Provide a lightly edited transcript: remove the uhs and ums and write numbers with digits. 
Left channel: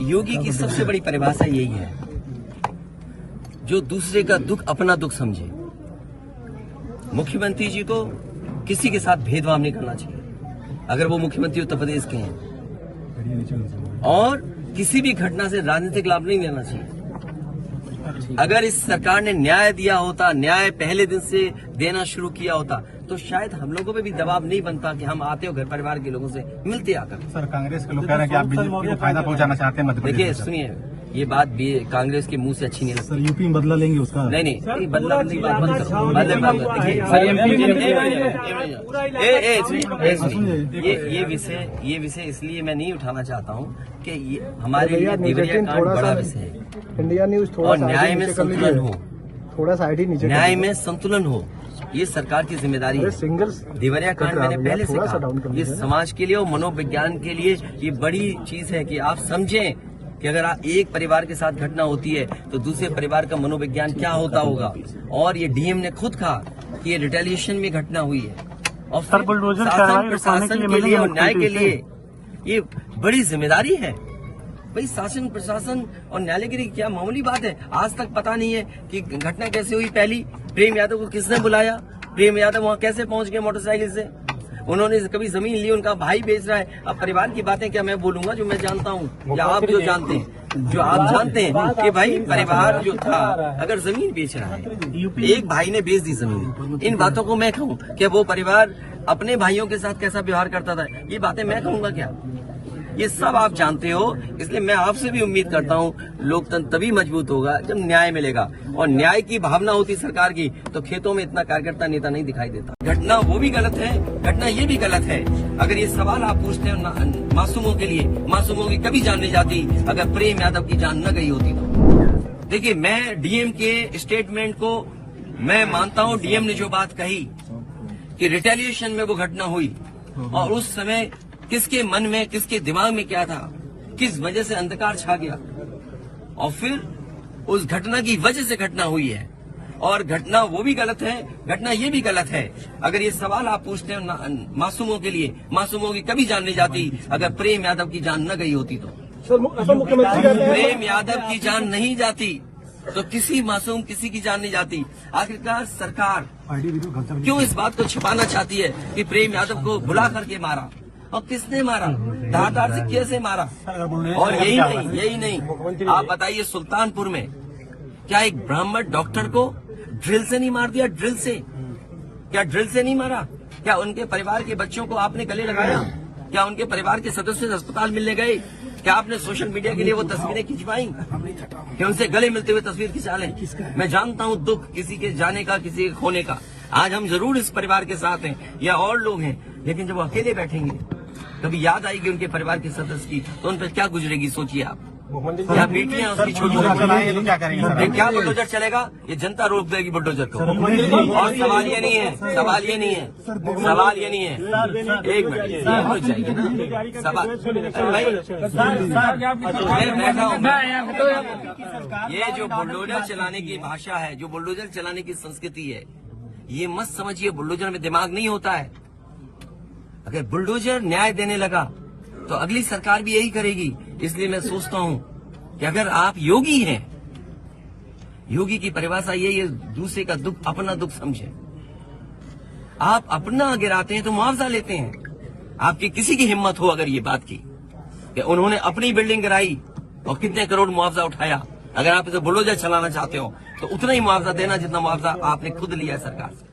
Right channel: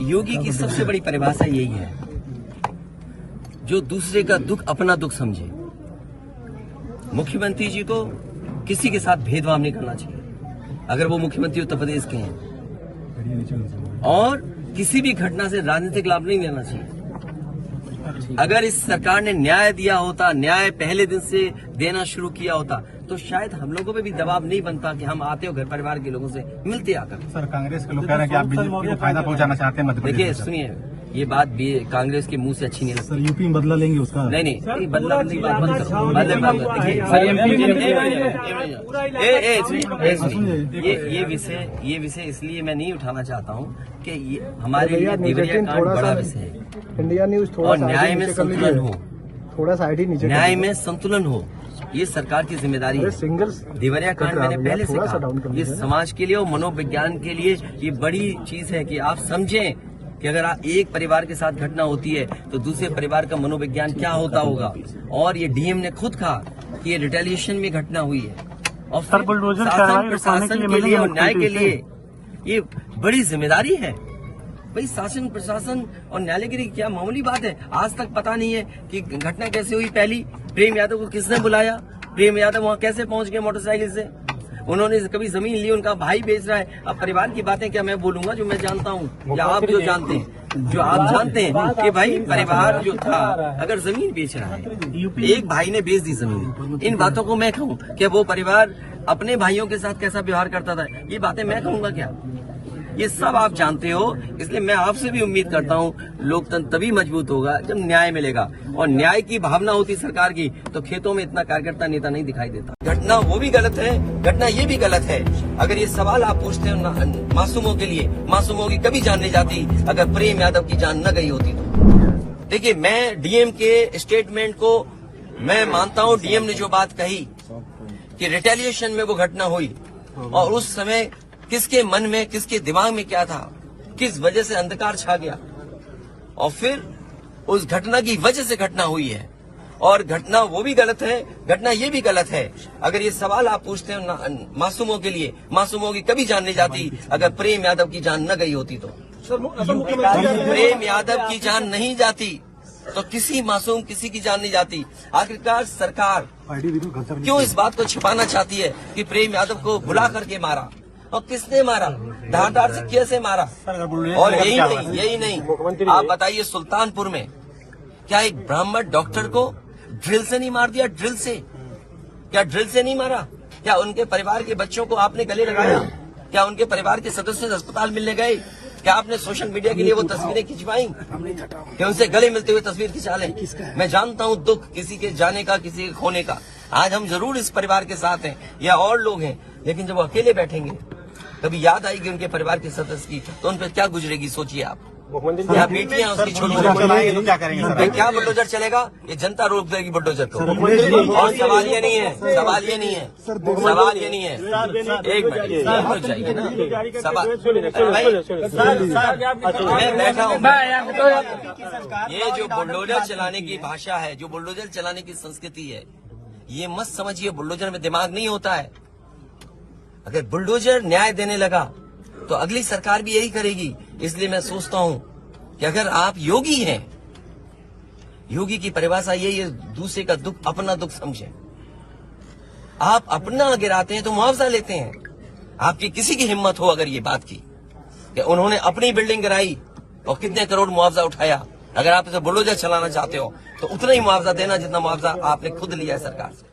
योगी की सबसे बड़ी परिभाषा यही है, जो दूसरे का दुख अपना दुख समझे। मुख्यमंत्री जी को किसी के साथ भेदभाव नहीं करना चाहिए अगर वो मुख्यमंत्री उत्तर प्रदेश के हैं, और किसी भी घटना से राजनीतिक लाभ नहीं लेना चाहिए। अगर इस सरकार ने न्याय दिया होता, न्याय पहले दिन से देना शुरू किया होता, तो शायद हम लोगों पे भी दबाव नहीं बनता कि हम आते हो घर परिवार के लोगों से मिलते आकर। सर, कांग्रेस के लोग कह रहे हैं कि आप बीजेपी को फायदा पहुंचाना चाहते हैं मध्य प्रदेश। देखिए सुनिए, ये बात भी कांग्रेस के मुंह से अच्छी नहीं लगती। सर, यूपी में बदला लेंगे उसका? नहीं, बदला की बात बंद करो। ये विषय इसलिए मैं नहीं उठाना चाहता हूँ कि ये हमारे लिए देवरिया कांड बड़ा विषय है। इंडिया न्यूज और न्याय में संतुलन हो, थोड़ा साइड ही नीचे, न्याय में संतुलन हो, ये सरकार की जिम्मेदारी है। देवरिया कांड मैंने पहले से कहा, ये समाज के लिए और मनोविज्ञान के लिए ये बड़ी चीज है कि आप समझें कि अगर आप एक परिवार के साथ घटना होती है तो दूसरे परिवार का मनोविज्ञान क्या होता होगा। और ये डीएम ने खुद कहा कि ये रिटेलिएशन में घटना हुई है, और शासन प्रशासन के लिए और न्याय के लिए ये बड़ी जिम्मेदारी है। भाई शासन प्रशासन और न्यायालय के लिए क्या मामूली बात है। आज तक पता नहीं है कि घटना कैसे हुई। पहली, प्रेम यादव को किसने बुलाया, प्रेम यादव वहाँ कैसे पहुंच गए मोटरसाइकिल से, उन्होंने कभी जमीन ली, उनका भाई बेच रहा है। अब परिवार की बातें क्या मैं बोलूंगा जो मैं जानता हूँ या आप जो जानते हैं, जो आप जानते हैं कि भाई परिवार जो था अगर जमीन बेच रहा है, एक भाई ने बेच दी जमीन, इन बातों को मैं कहूँ कि वो परिवार अपने भाइयों के साथ कैसा व्यवहार करता था, ये बातें मैं कहूँगा क्या? ये सब आप जानते हो। इसलिए मैं आपसे भी उम्मीद करता हूँ लोकतंत्र तभी मजबूत होगा जब न्याय मिलेगा, और न्याय की भावना होती सरकार की तो खेतों में इतना कार्यकर्ता नेता नहीं दिखाई देता। घटना वो भी गलत है, घटना ये भी गलत है। अगर ये सवाल आप पूछते हैं मासूमों के लिए, मासूमों की कभी जान नहीं जाती अगर प्रेम यादव की जान न गई होती तो। देखिए, मैं डीएम के स्टेटमेंट को मैं मानता हूँ। डीएम ने जो बात कही कि रिटेलिएशन में वो घटना हुई, और उस समय किसके मन में, किसके दिमाग में क्या था, किस वजह से अंधकार छा गया, और फिर उस घटना की वजह से घटना हुई है। और घटना वो भी गलत है, घटना ये भी गलत है। अगर ये सवाल आप पूछते हैं मासूमों के लिए, मासूमों की कभी जान नहीं जाती अगर प्रेम यादव की जान न गई होती तो। प्रेम यादव की जान नहीं जाती तो किसी मासूम किसी की जान नहीं जाती। आखिरकार सरकार क्यों इस बात को छिपाना चाहती है कि प्रेम यादव को भुला करके मारा, और किसने मारा, धारदार से कैसे मारा? और यही नहीं, आप बताइए सुल्तानपुर में क्या एक ब्राह्मण डॉक्टर को ड्रिल से नहीं मार दिया? ड्रिल से, क्या ड्रिल से नहीं मारा? क्या उनके परिवार के बच्चों को आपने गले लगाए? क्या उनके परिवार के सदस्य अस्पताल मिलने गए? क्या आपने सोशल मीडिया के लिए वो तस्वीरें खिंचवाई कि उनसे गले मिलते हुए तस्वीर खिंचा लें? मैं जानता हूँ दुख किसी के जाने का, किसी के खोने का। आज हम जरूर इस परिवार के साथ हैं या और लोग हैं, लेकिन जब वो अकेले बैठेंगे कभी याद आएगी उनके परिवार के सदस्य की, तो उन पर क्या गुजरेगी सोचिए आप। क्या बेटियां उसकी छोटी, क्या बुलडोजर चलेगा? ये जनता रोक देगी बुलडोजर को। और सवाल ये नहीं है, सवाल ये नहीं है, सवाल ये नहीं है। एक मिनट तो चाहिए ना सवाल। ये जो बुलडोजर चलाने की भाषा है, जो बुलडोजर चलाने की संस्कृति है, ये मत समझिए बुलडोजर में दिमाग नहीं होता है। अगर बुलडोजर न्याय देने लगा तो अगली सरकार भी यही करेगी। इसलिए मैं सोचता हूं कि अगर आप योगी हैं, योगी की परिभाषा यही है, दूसरे का दुख अपना दुख समझे। आप अपना गिराते हैं तो मुआवजा लेते हैं। आपकी किसी की हिम्मत हो अगर ये बात की कि उन्होंने अपनी बिल्डिंग गिराई और कितने करोड़ मुआवजा उठाया, अगर आप इसे बुलडोजर चलाना चाहते हो तो उतना ही मुआवजा देना जितना मुआवजा आपने खुद लिया है सरकार से।